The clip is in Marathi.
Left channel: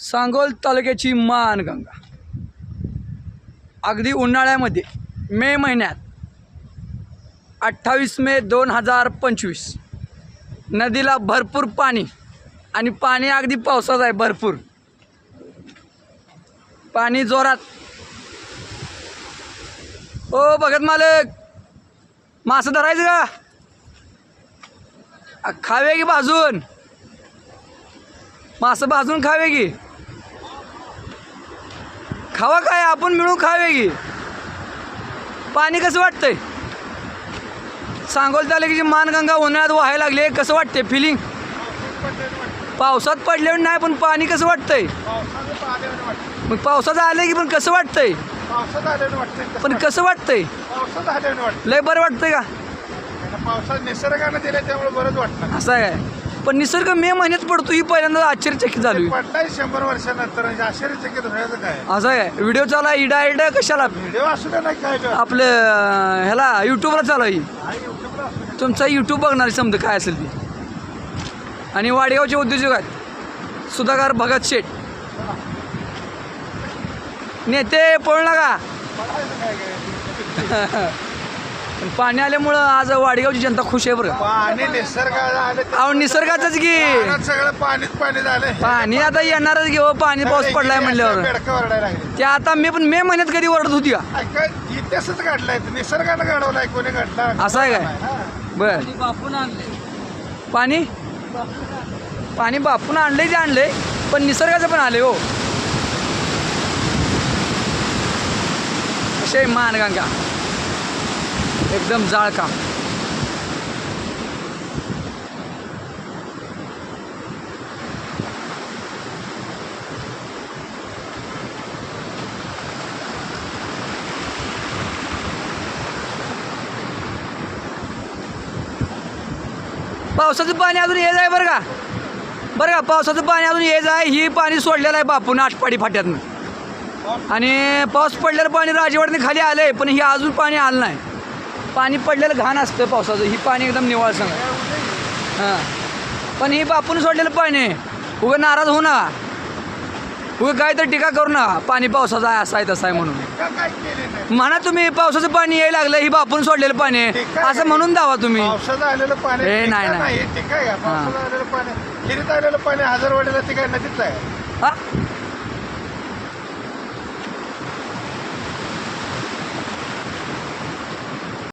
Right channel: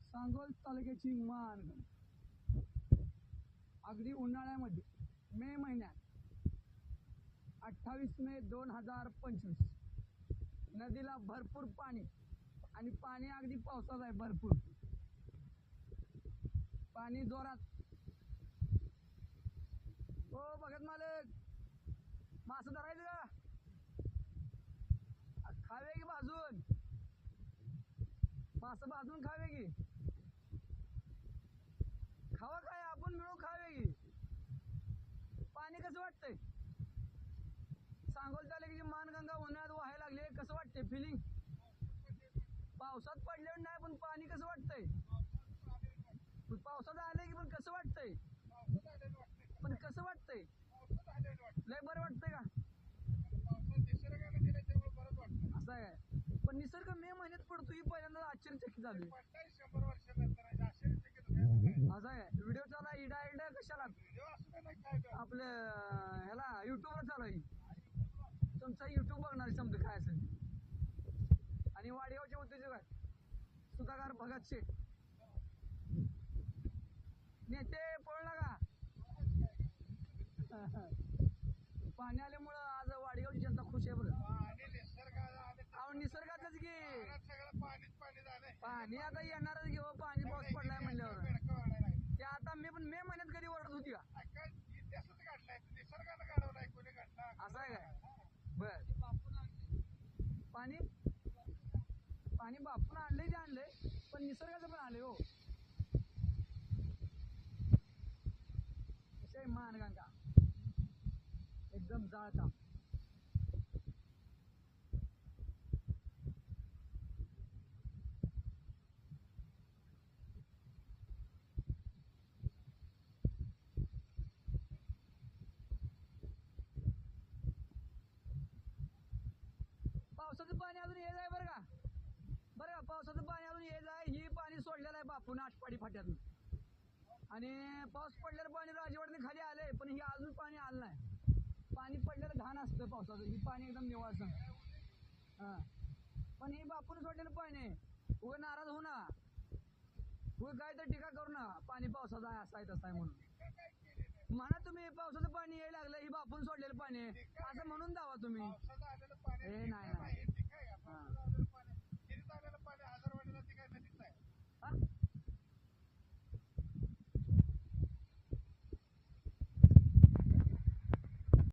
सांगोल तालुक्याची मानगंगा अगदी उन्हाळ्यामध्ये मे महिन्यात 28 मे 2025 नदीला भरपूर पाणी आणि पाणी अगदी पावसाचं आहे. भरपूर पाणी जोरात. ओ भगत मालक, मासं धरायचं का? खावे की भाजून? मासं भाजून खावे की? खावा काय, आपण मिळून खावे की? पाणी कसं वाटतंय? सांगोल तालुक्याची मानगंगा उन्हाळ्यात व्हायला लागले, कसं वाटते फिलिंग? पावसात पडल्यावर नाही, पण पाणी कसं वाटतंय? मग पावसाचं आलंय की, पण कसं वाटतंय? पण कसं वाटतंय? लय बरं वाटतंय का? पावसात निसर्गानं दिले त्यामुळे बरंच वाटतं. असं आहे. पण निसर्ग मे महिन्यात पडतो ही पहिल्यांदा आश्चर्यचकित झाली. पडलाय 100 वर्षानंतर, आश्चर्यचकित व्हायचं काय? असं आहे. व्हिडिओ चालू आहे इडा कशाला? व्हिडिओ असू द्या नाही काय आपलं ह्याला यूट्यूबला चालू आहे. तुमचा यूट्यूब बघणारी समजा काय असेल ती. आणि वाडेगावचे उद्योजक आहेत सुधाकर भगत शेठ. नेते पळू नका. पाणी आल्यामुळं आज वाडेगावची जनता खुश आहे बरं. पाणी निसर्गाला आलं, अहो निसर्गाचंच की. सगळं पाणीच पाणी झालंय. पाणी आता येणारच घेऊ. पाणी पाऊस पडलाय म्हणल्यावर बेडकं ओरडायला लागले. ते आता पण मे महिन्यात कधी ओरडत होती का? इतिहासच घडलाय, निसर्गानं घडवलाय, कोणी घडला असं आहे काय? बर. पाणी पाणी बापून आणलंय ते आणलंय, पण निसर्गाचं पण आले हो. असे मानगंगा एकदम जाळ काम. पावसाचं पाणी अजून ये जाय बरं का. बरं का, पावसाचं पाणी अजून ये जाय. ही पाणी सोडलेलं आहे बापून आटपाडी फाट्यातनं. आणि पाऊस पडलेलं पाणी राजवाडीने खाली आलं आहे, पण ही अजून पाणी आलं नाही. पाणी पडलेलं घाण असतं पावसाचं. ही पाणी एकदम निवाळ सांगा. हां, पण ही बापून सोडलेलं पाणी आहे. उगं नाराज होऊ नका, उगं काय तर टीका करू नका. पाणी पावसाचं आहे, असं आहे तसं आहे म्हणून म्हणा तुम्ही. पावसाचं पाणी यायला लागलं, ही बापून सोडलेलं पाणी आहे असं म्हणून दावा तुम्ही. पावसाचं आलेलं पाणी हे नाही ठीक आहे. पावसाचं आलेलं पाणी, खिरीत आलेलं पाणी हजारवाडीला ती काय नदीच आहे. हां,